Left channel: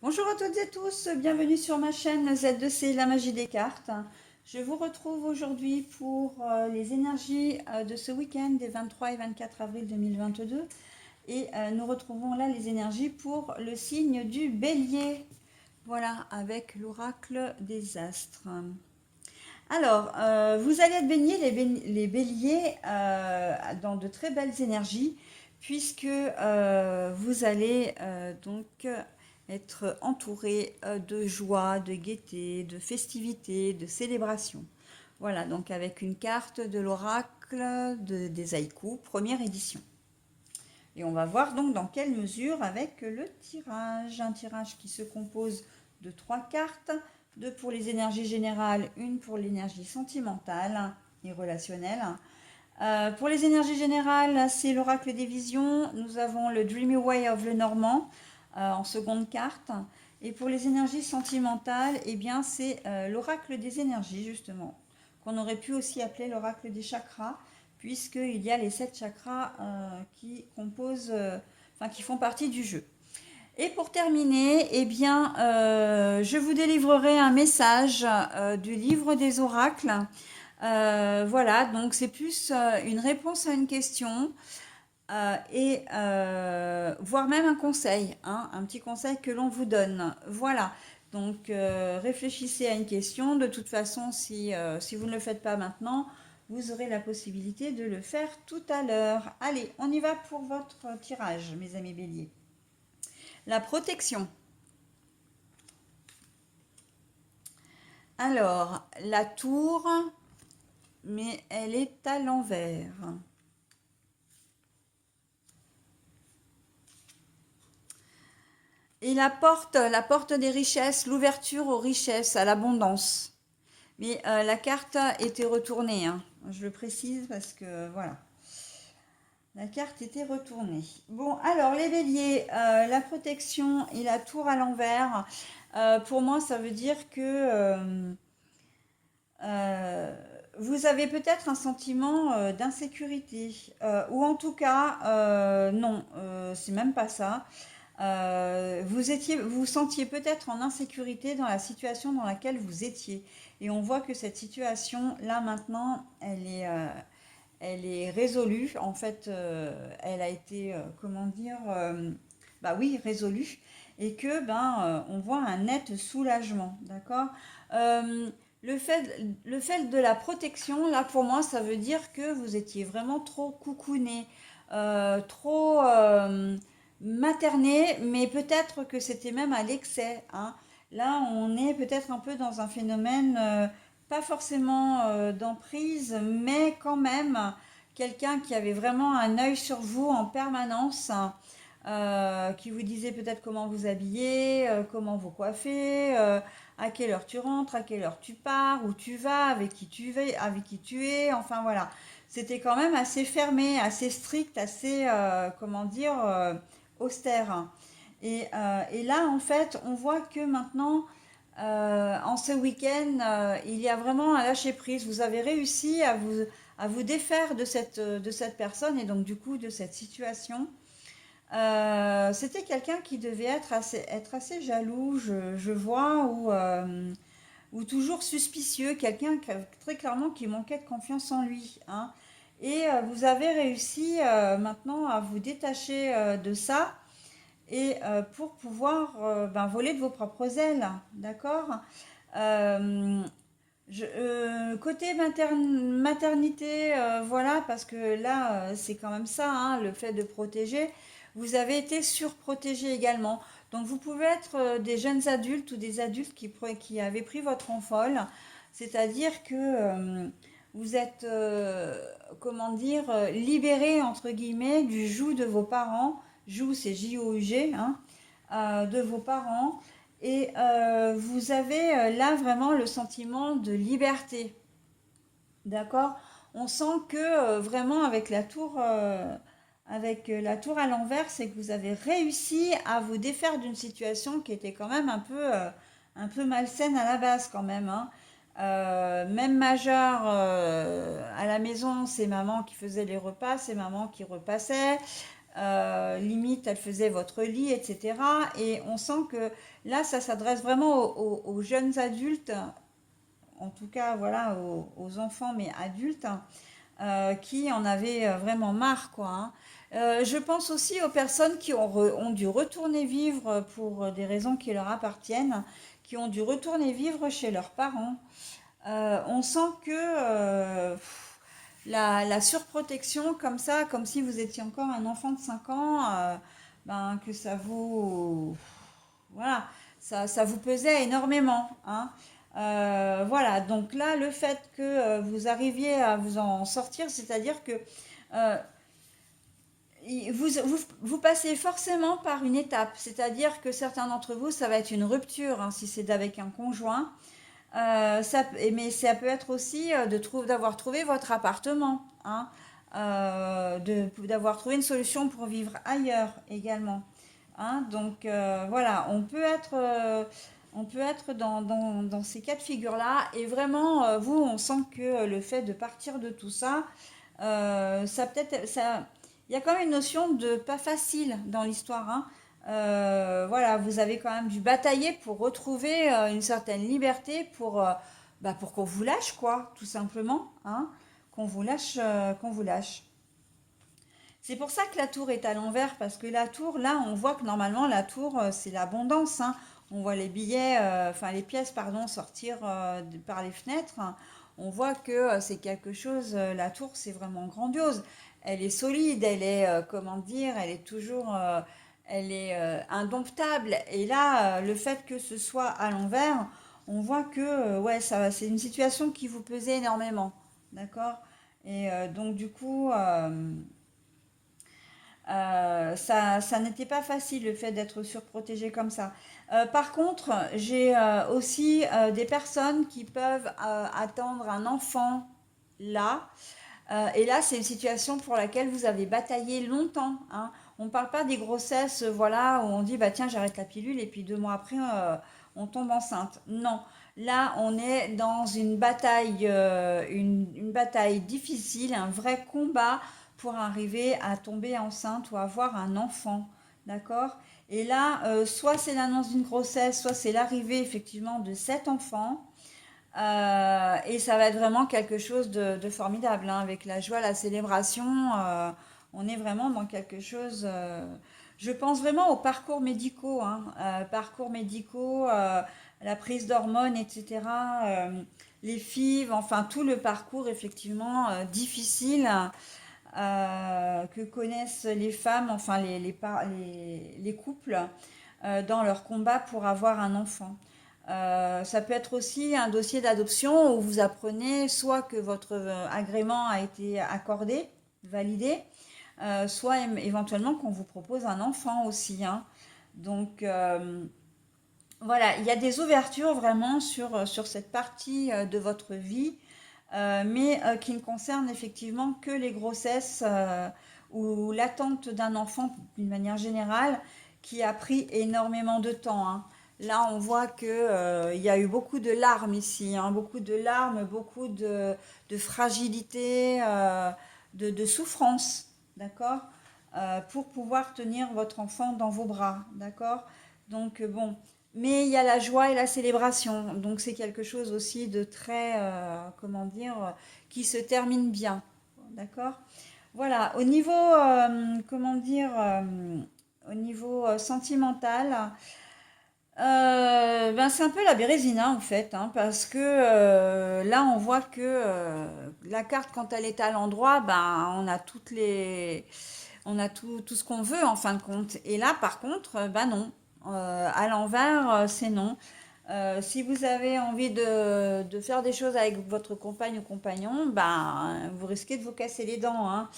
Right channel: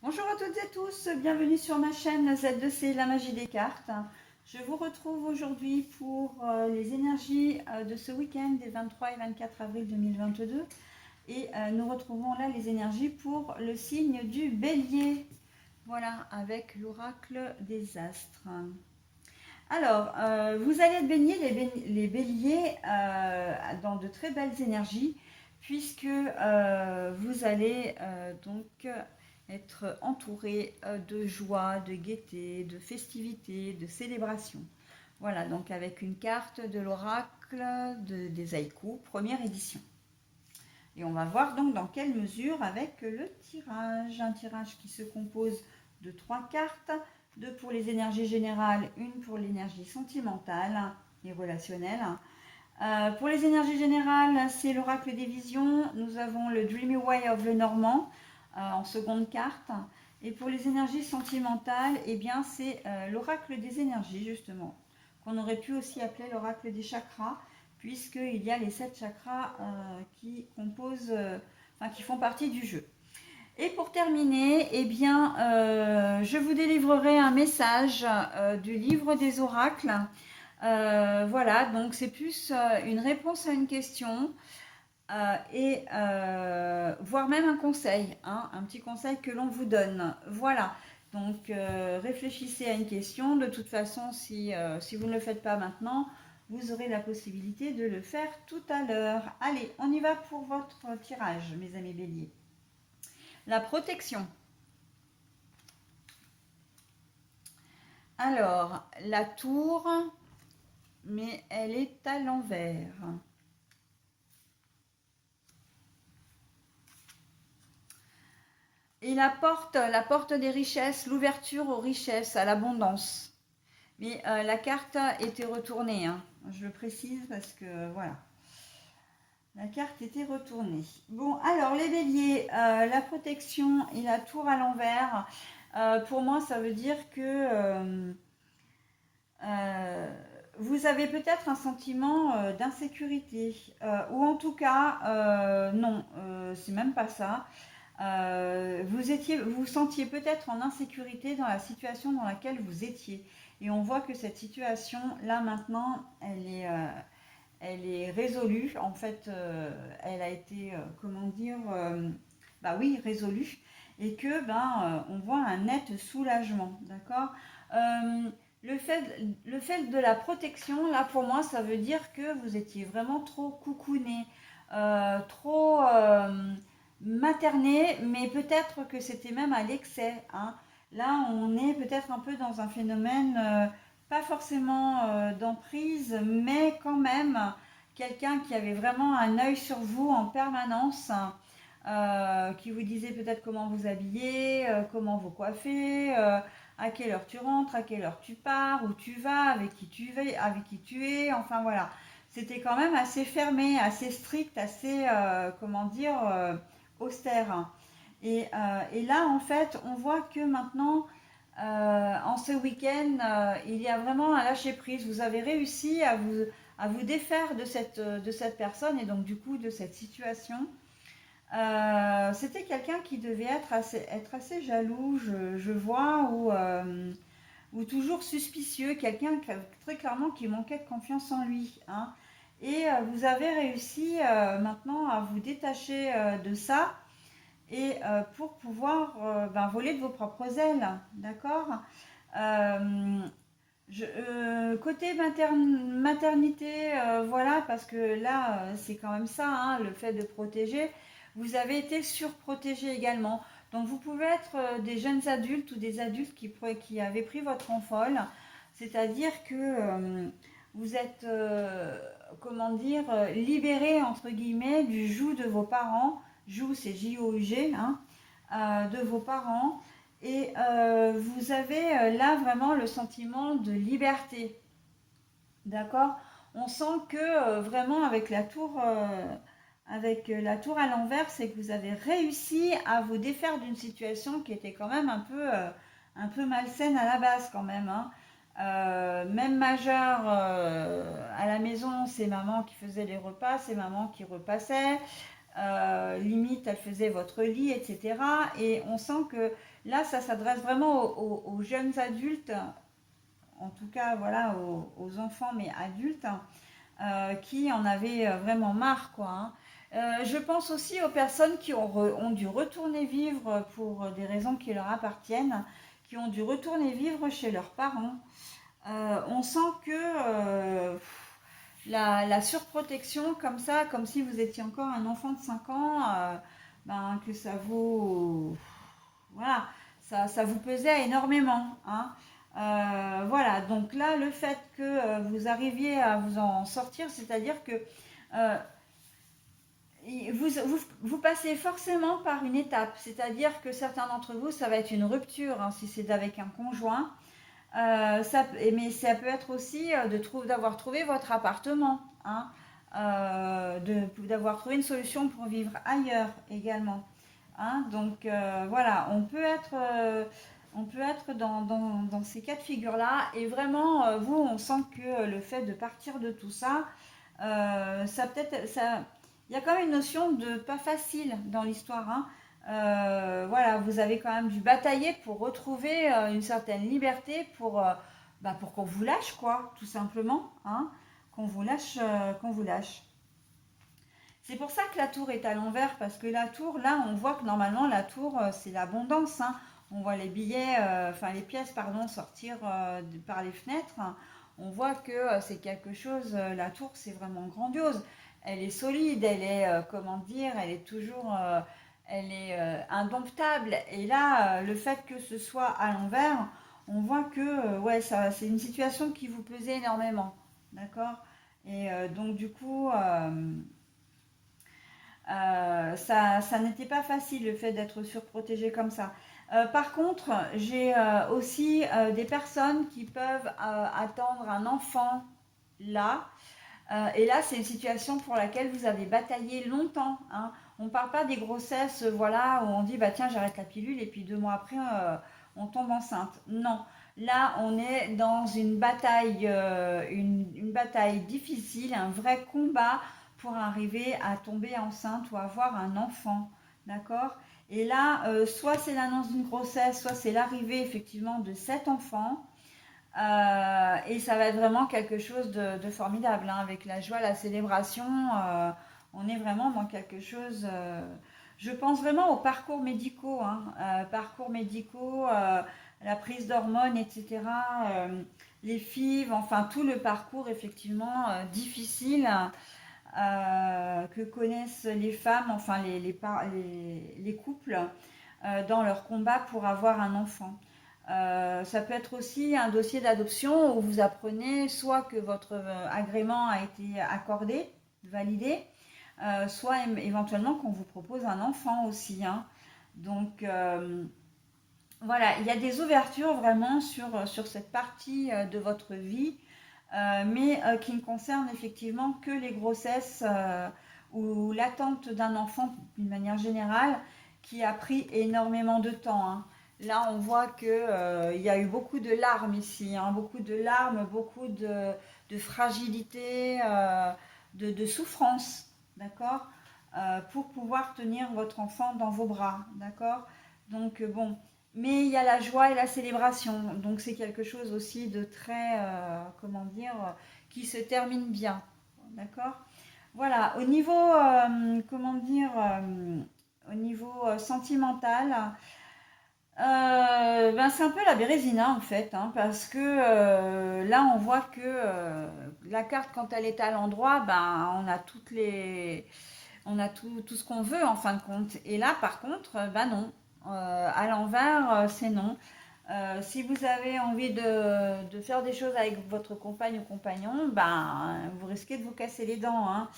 Bonjour à toutes et à tous, bienvenue sur ma chaîne Z2C, la magie des cartes. Je vous retrouve aujourd'hui pour les énergies de ce week-end des 23 et 24 avril 2022. Et nous retrouvons là les énergies pour le signe du bélier. Voilà, avec l'oracle des astres. Alors, vous allez être baignés les béliers dans de très belles énergies, puisque vous allez donc être entouré de joie, de gaieté, de festivité, de célébration. Voilà, donc avec une carte de l'oracle des haïkus, première édition. Et on va voir donc dans quelle mesure avec le tirage. Un tirage qui se compose de 3 cartes, 2 pour les énergies générales, une pour l'énergie sentimentale et relationnelle. Pour les énergies générales, c'est l'oracle des visions. Nous avons le Dreamy Way of Lenormand en seconde carte. Et pour les énergies sentimentales, eh bien, c'est l'oracle des énergies, justement, qu'on aurait pu aussi appeler l'oracle des chakras, puisqu'il y a les 7 chakras qui composent, qui font partie du jeu. Et pour terminer, eh bien, je vous délivrerai un message du livre des oracles. Voilà, donc c'est plus une réponse à une question et voire même un conseil, hein, un petit conseil que l'on vous donne. Voilà, donc réfléchissez à une question. De toute façon, si vous ne le faites pas maintenant, vous aurez la possibilité de le faire tout à l'heure. Allez, on y va pour votre tirage, mes amis béliers. La protection. Alors, la tour, mais elle est à l'envers. Et la porte des richesses, l'ouverture aux richesses, à l'abondance. Mais la carte était retournée, hein. Je le précise parce que voilà. La carte était retournée. Bon, alors les béliers, la protection et la tour à l'envers, pour moi, ça veut dire que euh, vous avez peut-être un sentiment d'insécurité, ou en tout cas, non, c'est même pas ça. Vous sentiez peut-être en insécurité dans la situation dans laquelle vous étiez. Et on voit que cette situation, là maintenant, elle est résolue. En fait, elle a été, comment dire, bah oui, résolue. Et que, on voit un net soulagement, d'accord. Euh, le fait, le fait de la protection, là pour moi, ça veut dire que vous étiez vraiment trop coucouné, trop materné, mais peut-être que c'était même à l'excès, hein. Là, on est peut-être un peu dans un phénomène, pas forcément d'emprise, mais quand même quelqu'un qui avait vraiment un œil sur vous en permanence, qui vous disait peut-être comment vous habiller, comment vous coiffer, à quelle heure tu rentres, à quelle heure tu pars, où tu vas, avec qui tu es, enfin voilà. C'était quand même assez fermé, assez strict, assez, comment dire, austère. Et là, en fait, on voit que maintenant, en ce week-end, il y a vraiment un lâcher prise. Vous avez réussi à vous défaire de cette personne et donc du coup de cette situation. C'était quelqu'un qui devait être assez jaloux, je vois, ou toujours suspicieux, quelqu'un très clairement qui manquait de confiance en lui, hein. Et vous avez réussi maintenant à vous détacher de ça et pour pouvoir voler de vos propres ailes, d'accord. Euh, Côté maternité, voilà, parce que là, c'est quand même ça, hein, le fait de protéger. Vous avez été surprotégé également. Donc, vous pouvez être des jeunes adultes ou des adultes qui avaient pris votre envol. C'est-à-dire que vous êtes, comment dire, libéré, entre guillemets, du joug de vos parents. Joug, c'est J-O-U-G, hein, de vos parents. Et vous avez là vraiment le sentiment de liberté. D'accord. On sent que vraiment avec la tour à l'envers, c'est que vous avez réussi à vous défaire d'une situation qui était quand même un peu malsaine à la base quand même, hein. Même majeur à la maison, c'est maman qui faisait les repas, c'est maman qui repassait. limite elle faisait votre lit, etc. Et on sent que là, ça s'adresse vraiment aux jeunes adultes, en tout cas voilà, aux enfants, mais adultes, qui en avaient vraiment marre, quoi, hein. Je pense aussi aux personnes qui ont dû retourner vivre pour des raisons qui leur appartiennent, qui ont dû retourner vivre chez leurs parents. On sent que la surprotection comme ça, comme si vous étiez encore un enfant de 5 ans, ben, que ça vous... Voilà, ça vous pesait énormément, hein. Voilà, donc là, le fait que vous arriviez à vous en sortir, c'est-à-dire que euh, vous passez forcément par une étape, c'est-à-dire que certains d'entre vous, ça va être une rupture, hein, si c'est avec un conjoint. Mais ça peut être aussi d'avoir trouvé votre appartement, hein, d'avoir trouvé une solution pour vivre ailleurs également, hein. Donc voilà, on peut être dans ces cas de figure-là. Et vraiment, vous, on sent que le fait de partir de tout ça, ça peut-être, ça, il y a quand même une notion de pas facile dans l'histoire, hein. Voilà, vous avez quand même dû batailler pour retrouver une certaine liberté pour qu'on vous lâche, quoi, tout simplement, hein, qu'on vous lâche. C'est pour ça que la tour est à l'envers, parce que la tour, là, on voit que normalement, la tour, c'est l'abondance, hein. On voit les billets, enfin les pièces, pardon, sortir par les fenêtres. On voit que c'est quelque chose, la tour, c'est vraiment grandiose. Elle est solide, elle est, comment dire, elle est toujours, elle est indomptable. Et là, le fait que ce soit à l'envers, on voit que, ouais, ça, c'est une situation qui vous pesait énormément, d'accord? Et donc, du coup... ça n'était pas facile le fait d'être surprotégé comme ça. Par contre, j'ai aussi des personnes qui peuvent attendre un enfant là. Et là, c'est une situation pour laquelle vous avez bataillé longtemps, hein. On ne parle pas des grossesses, voilà, où on dit bah tiens j'arrête la pilule et puis 2 mois après on tombe enceinte. Non, là on est dans une bataille difficile, un vrai combat pour arriver à tomber enceinte ou avoir un enfant, d'accord? Et là, soit c'est l'annonce d'une grossesse, soit c'est l'arrivée effectivement de cet enfant. Et ça va être vraiment quelque chose de formidable, hein, avec la joie, la célébration. On est vraiment dans quelque chose. Je pense vraiment aux parcours médicaux, hein, parcours médicaux, la prise d'hormones, etc. Les FIV, enfin tout le parcours effectivement difficile que connaissent les femmes, enfin les couples dans leur combat pour avoir un enfant. Ça peut être aussi un dossier d'adoption où vous apprenez soit que votre agrément a été accordé, validé, soit éventuellement qu'on vous propose un enfant aussi, hein. Donc voilà, il y a des ouvertures vraiment sur cette partie de votre vie, mais qui ne concernent effectivement que les grossesses ou l'attente d'un enfant d'une manière générale, qui a pris énormément de temps, hein. Là, on voit que il y a eu beaucoup de larmes ici, hein, beaucoup de larmes, beaucoup de fragilité, de souffrance, d'accord, pour pouvoir tenir votre enfant dans vos bras, d'accord. Donc bon, mais il y a la joie et la célébration, donc c'est quelque chose aussi de très, comment dire, qui se termine bien, d'accord. Voilà, au niveau, comment dire, au niveau sentimental. Ben c'est un peu la Bérésina en fait, hein, parce que là on voit que la carte quand elle est à l'endroit, ben on a tout ce qu'on veut en fin de compte. Et là par contre, ben non. À l'envers, c'est non. Si vous avez envie de faire des choses avec votre compagne ou compagnon, ben vous risquez de vous casser les dents, hein.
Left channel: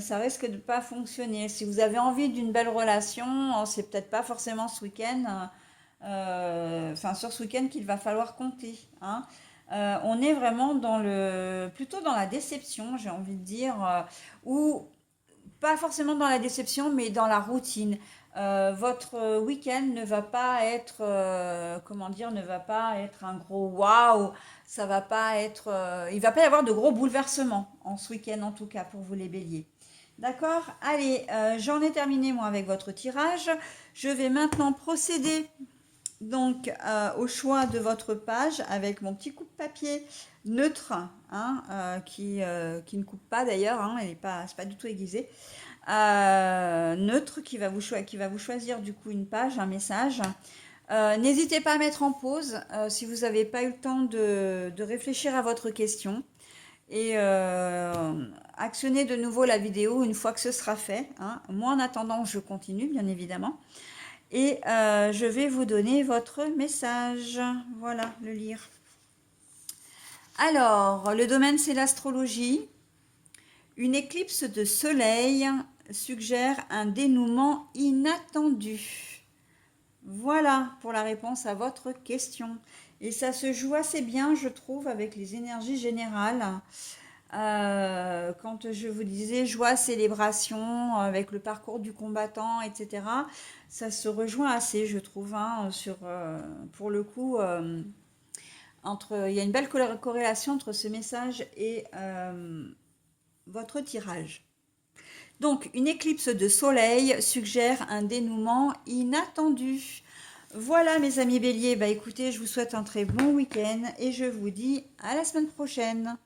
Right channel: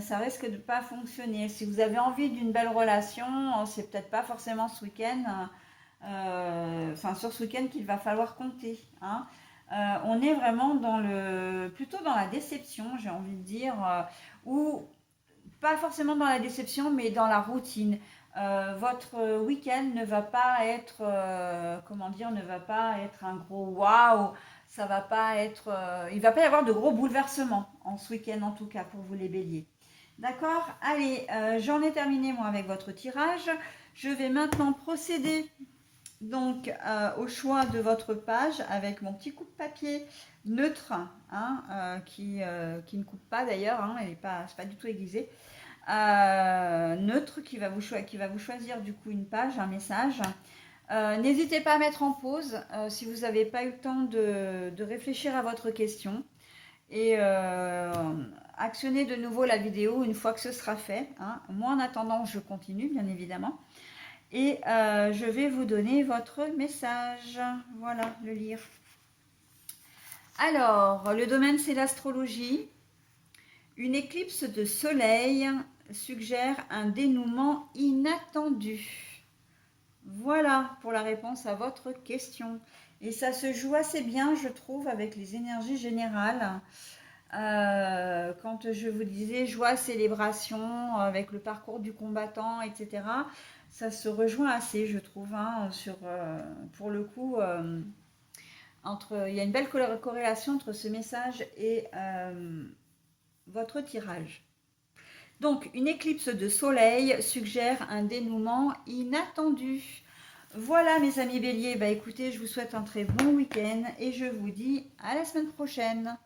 Ça risque de ne pas fonctionner. Si vous avez envie d'une belle relation, c'est peut-être pas forcément ce week-end, enfin sur ce week-end qu'il va falloir compter, hein. On est vraiment plutôt dans la déception, j'ai envie de dire, ou pas forcément dans la déception, mais dans la routine. Votre week-end ne va pas être, comment dire, ne va pas être un gros waouh. Ça va pas être, il va pas y avoir de gros bouleversements en ce week-end en tout cas pour vous les béliers. D'accord? Allez, j'en ai terminé moi avec votre tirage. Je vais maintenant procéder donc au choix de votre page avec mon petit coup de papier neutre, hein, qui ne coupe pas d'ailleurs, hein, elle n'est pas, c'est pas du tout aiguisé. Neutre qui va vous choisir du coup une page, un message. N'hésitez pas à mettre en pause si vous n'avez pas eu le temps de réfléchir à votre question et actionnez de nouveau la vidéo une fois que ce sera fait, hein. Moi en attendant je continue bien évidemment et je vais vous donner votre message. Voilà, le lire. Alors, le domaine c'est l'astrologie. Une éclipse de soleil suggère un dénouement inattendu. Voilà pour la réponse à votre question. Et ça se joue assez bien, je trouve, avec les énergies générales. Quand je vous disais joie, célébration, avec le parcours du combattant, etc., ça se rejoint assez, je trouve, hein, pour le coup, il y a une belle corrélation entre ce message et votre tirage. Donc, une éclipse de soleil suggère un dénouement inattendu. Voilà mes amis béliers, bah écoutez, je vous souhaite un très bon week-end et je vous dis à la semaine prochaine.